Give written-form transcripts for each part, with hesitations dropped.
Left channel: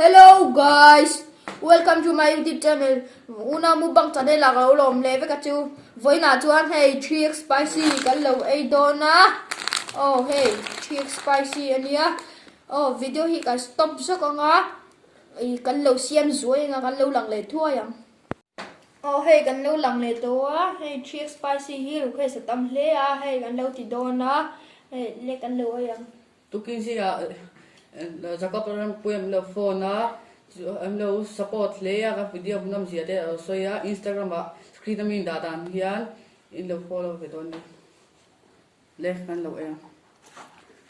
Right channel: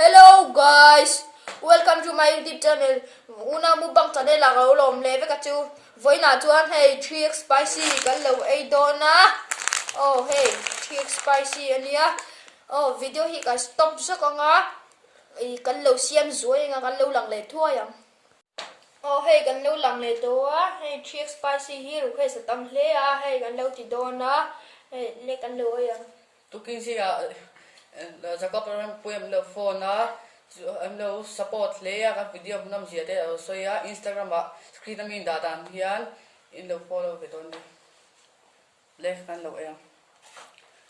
Hello guys, welcome to my YouTube channel. Una mukbang channel la ka lom le ve ka chu voi na chuan hey 3x spicy kan lo ei do na. Oh hey 3x spicy ania. Oh video hi ka stop sa ka nga. Ai kan lo siam zuai nga kan lo lang le thua yang. Oh hey kan lo lang le to a hey 3x spicy hi ru khai sa tam hle a hey kan lo ti do na. Hey le kan lo yang. Tukin siya zakapran puem le phone na am lo support le ya ka video nam sia de so ya Instagram ba screen min da dan hian in lo follow ke don le kan lo ya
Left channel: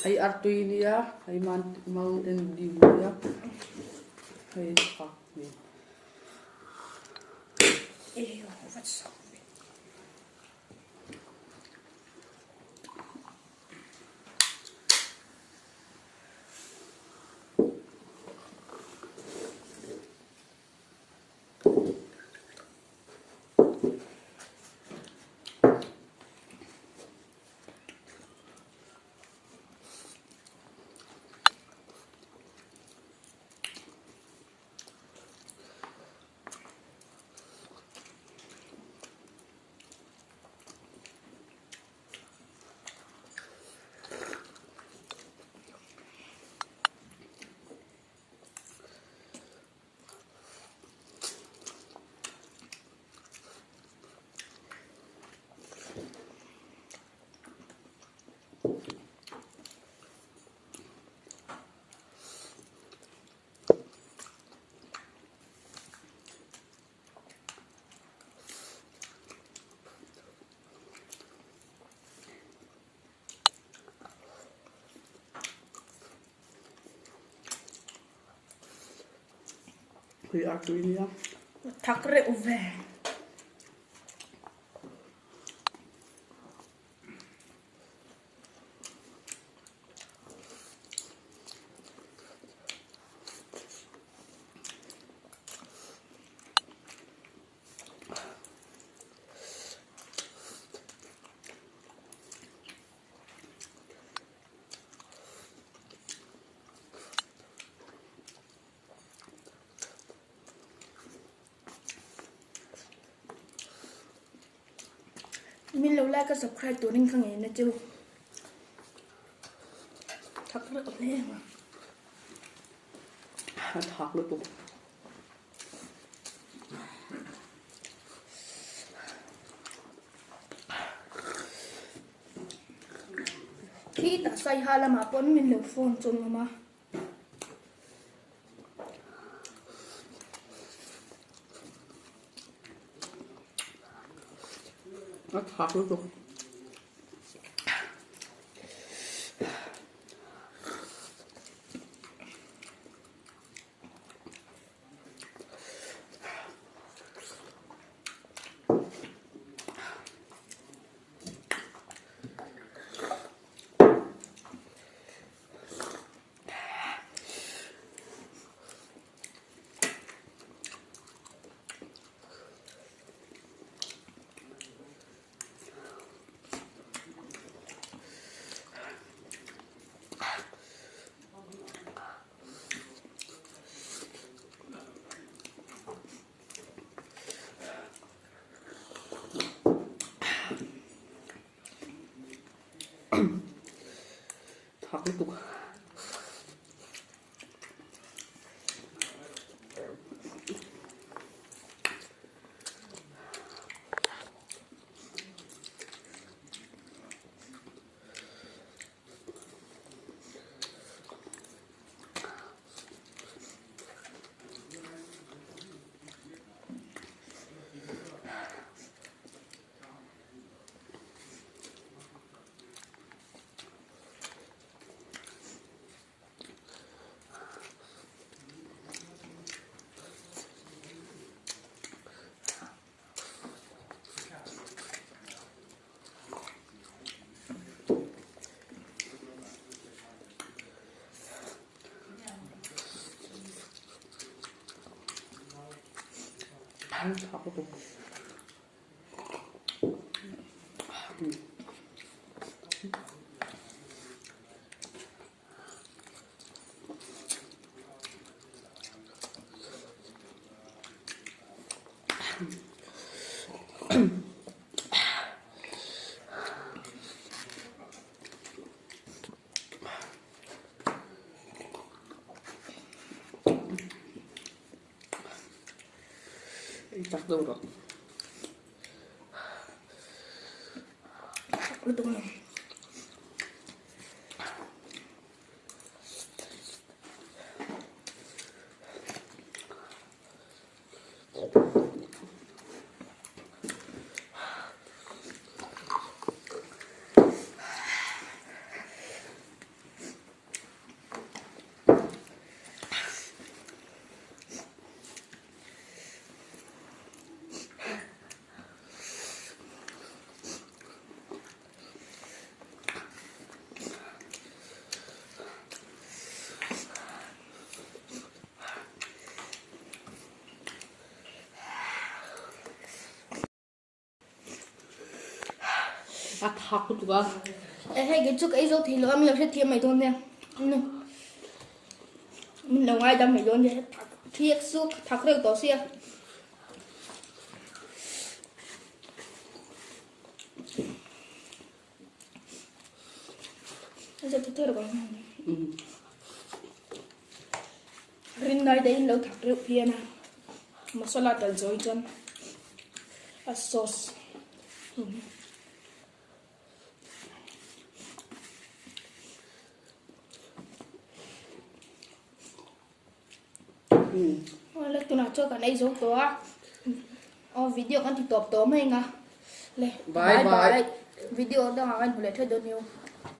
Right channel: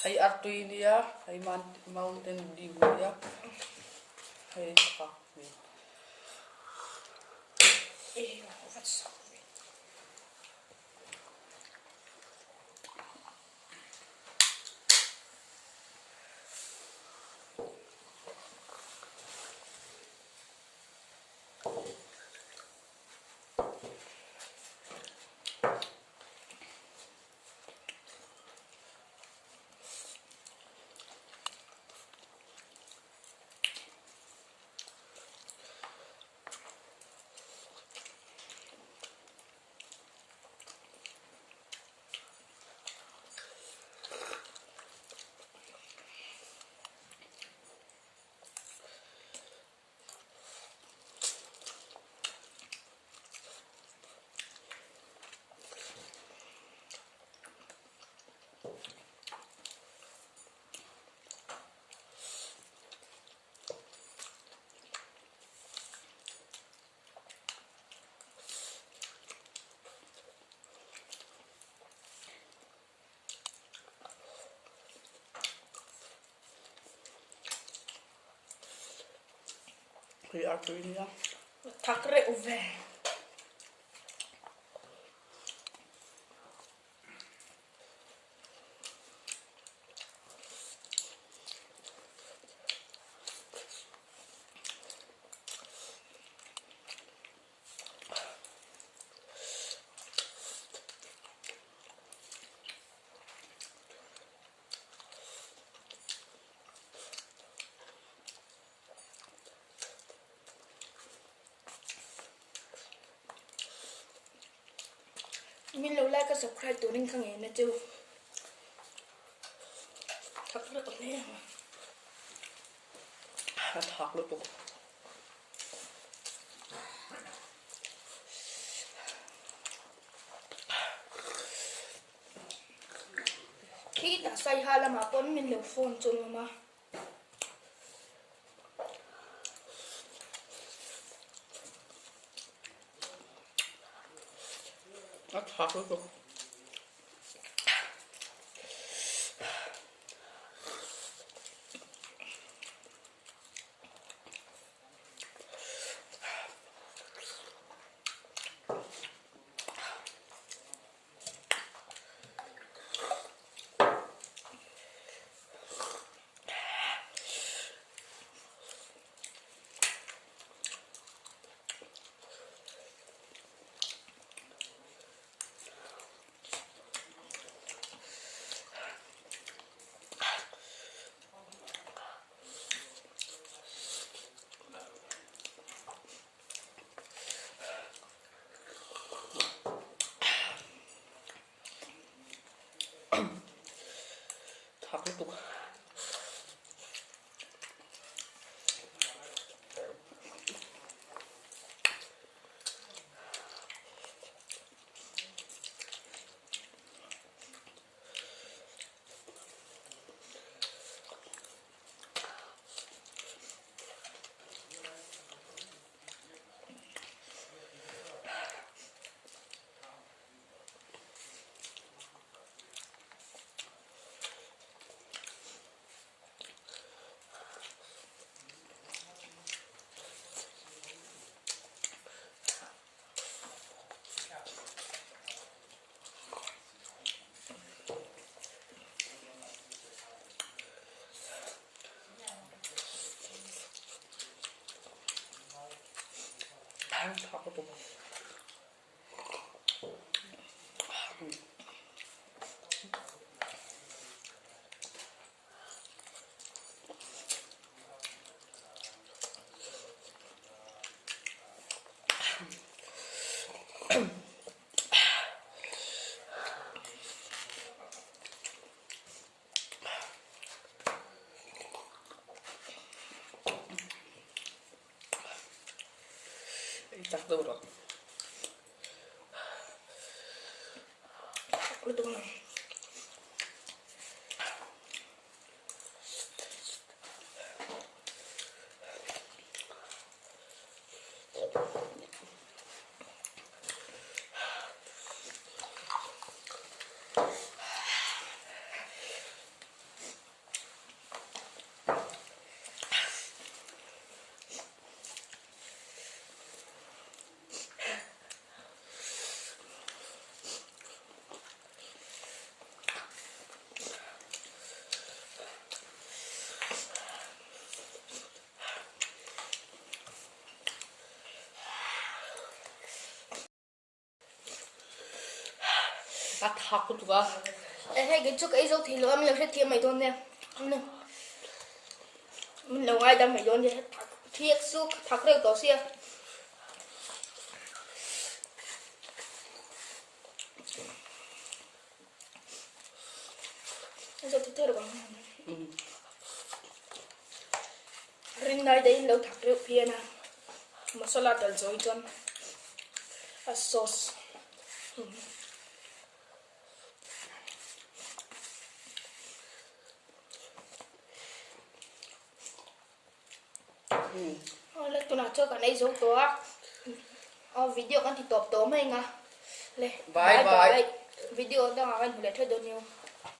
ai artui ni ya ai mountain view ya ai pa ai artui ni ya Takre uve. Min lâu like cái subscribeตัวนึงข้างเองนะจูทักเรื่องอะไรมา thak lu tu khi ta say hai là mà con min lâu phone chôn mà thak lu tu thak lu tu thak lu tu chắc đâu rồi. Lu tunggu lah. À thắc của tụi Ê, hay cái trước ấy dâu thì lỡ mình sẽ thêm mày thôi nè. Mình đâu ai đâm mày luôn vậy. Thiệt suốt thắc được tỏ xe. Bây giờ tôi thấy được không? Rin này đây lâu thắc được phía nào. Masala dal rồi chân. A sauce. Lấy tôi nào chơi cả này giống tôi. Video kan thì top top mày nga. Le. Bye bye. Video đó anh phải chơi được nhiều.